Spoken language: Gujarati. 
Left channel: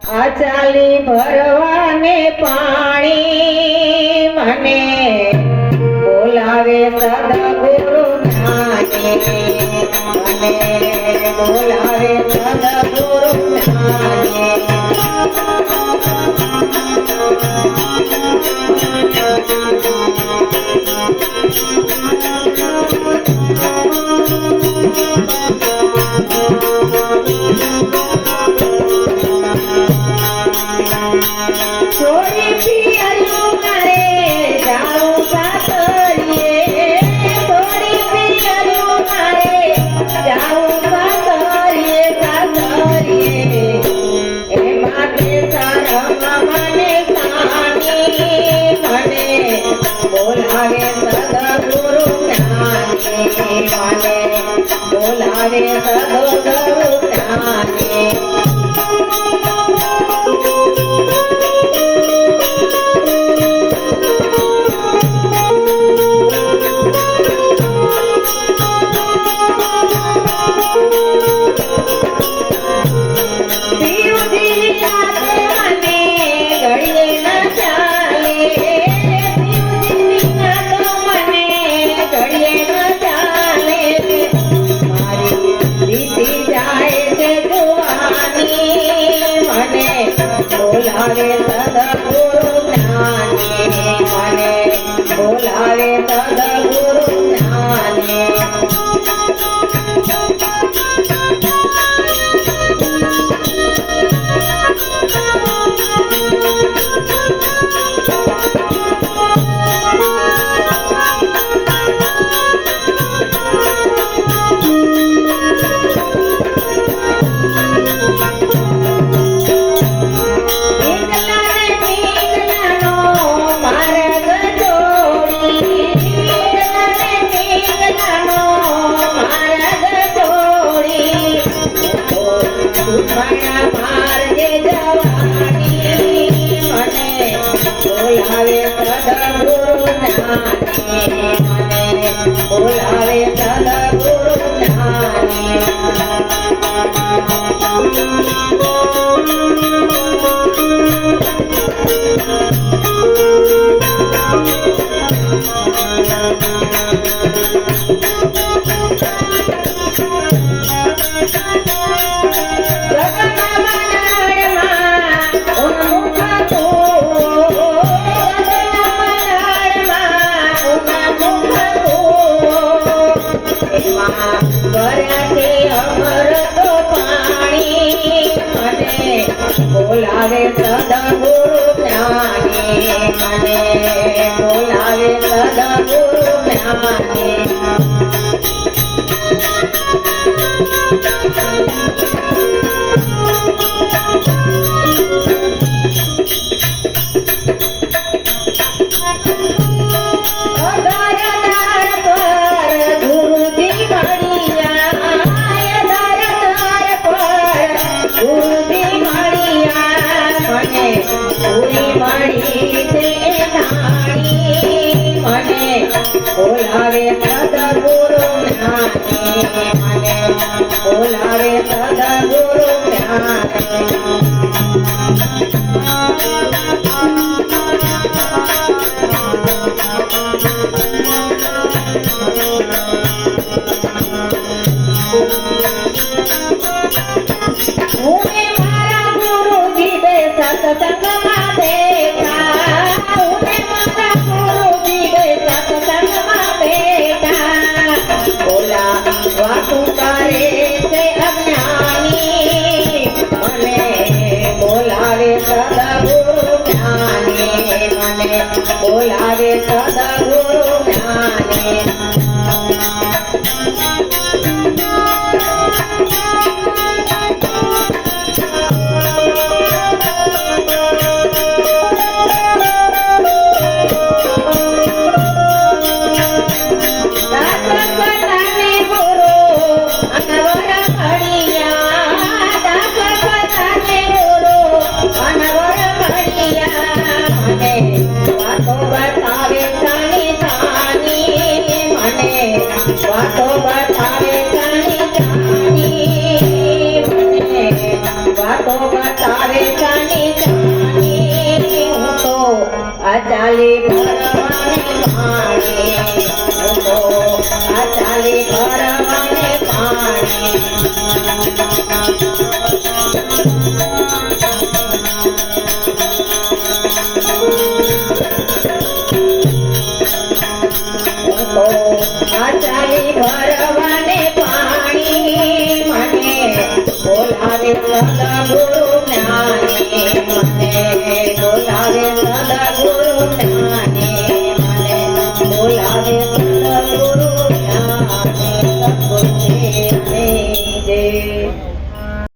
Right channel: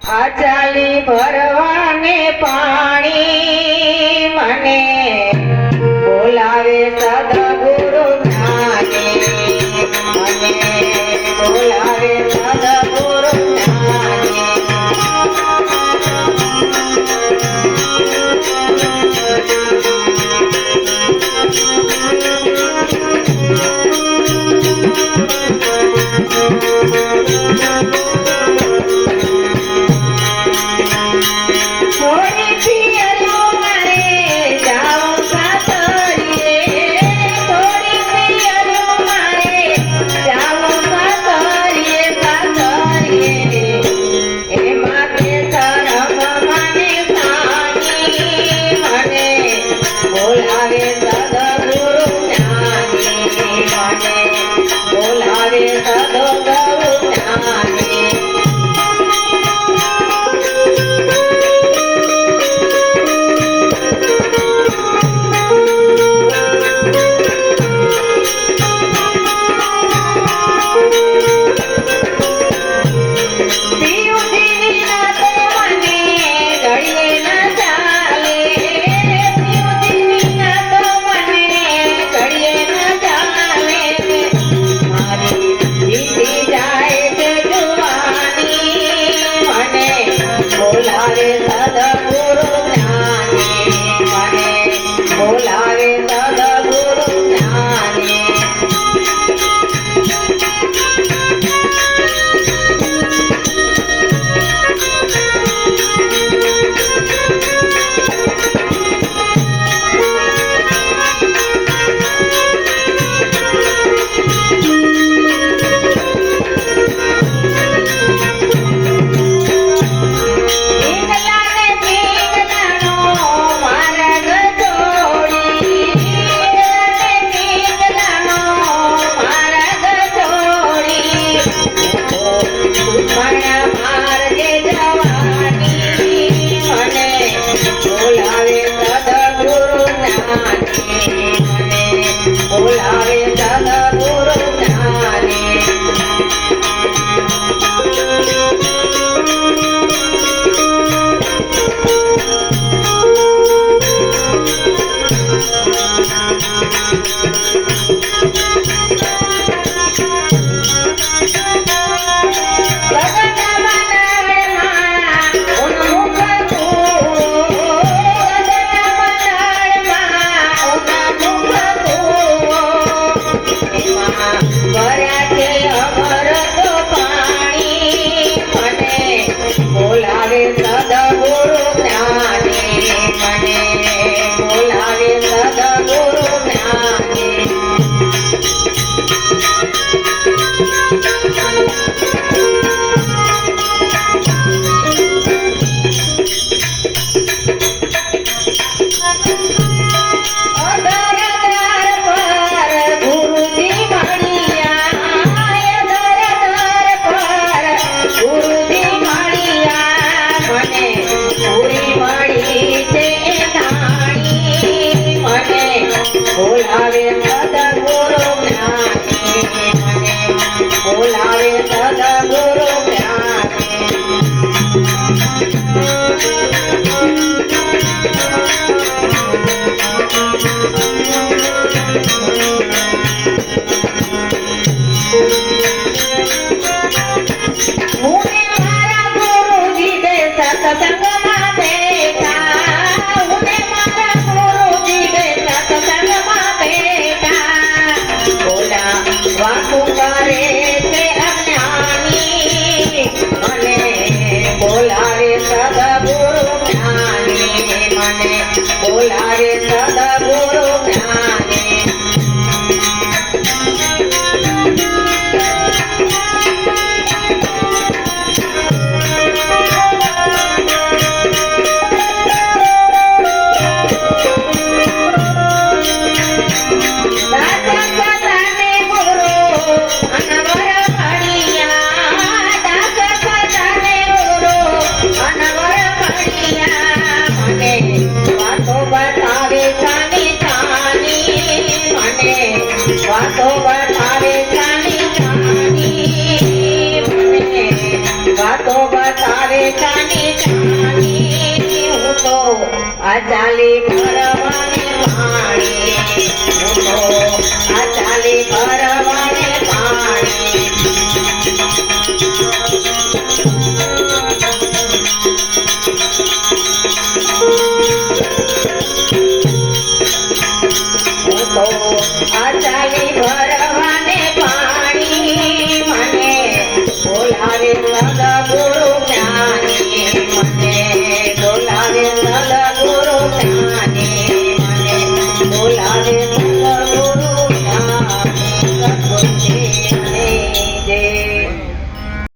આચાલી ભરવાને પાણી મને બોલાવે સદગુરુ જ્ઞાને મને બોલાવે સદગુરુ જ્ઞાને બોલાવે સદગુરુ જ્ઞાને બોલાવે સદગુરુ જ્ઞાને બોલાવે સદગુરુ જ્ઞાને બોલાવે સદગુરુ જ્ઞાને મને બોલાવે સદગુરુ જ્ઞાને બોલાવે સદગુરુ જ્ઞાને મને બોલાવે સદગુરુ જ્ઞાને મારા ગુરુજી દે સત્સંગમાં બેઠા ગુરુજી દે સત્સંગમાં બેઠા વાતું કરે છે અજ્ઞાની મને બોલાવે સદગુરુ જ્ઞાને મને બોલાવે સદગુરુ જ્ઞાને આ ચાલી ભરવાને પાણી હું તો આ ચાલી ભરવાને પાણી હું તો આ ચાલી ભરવાને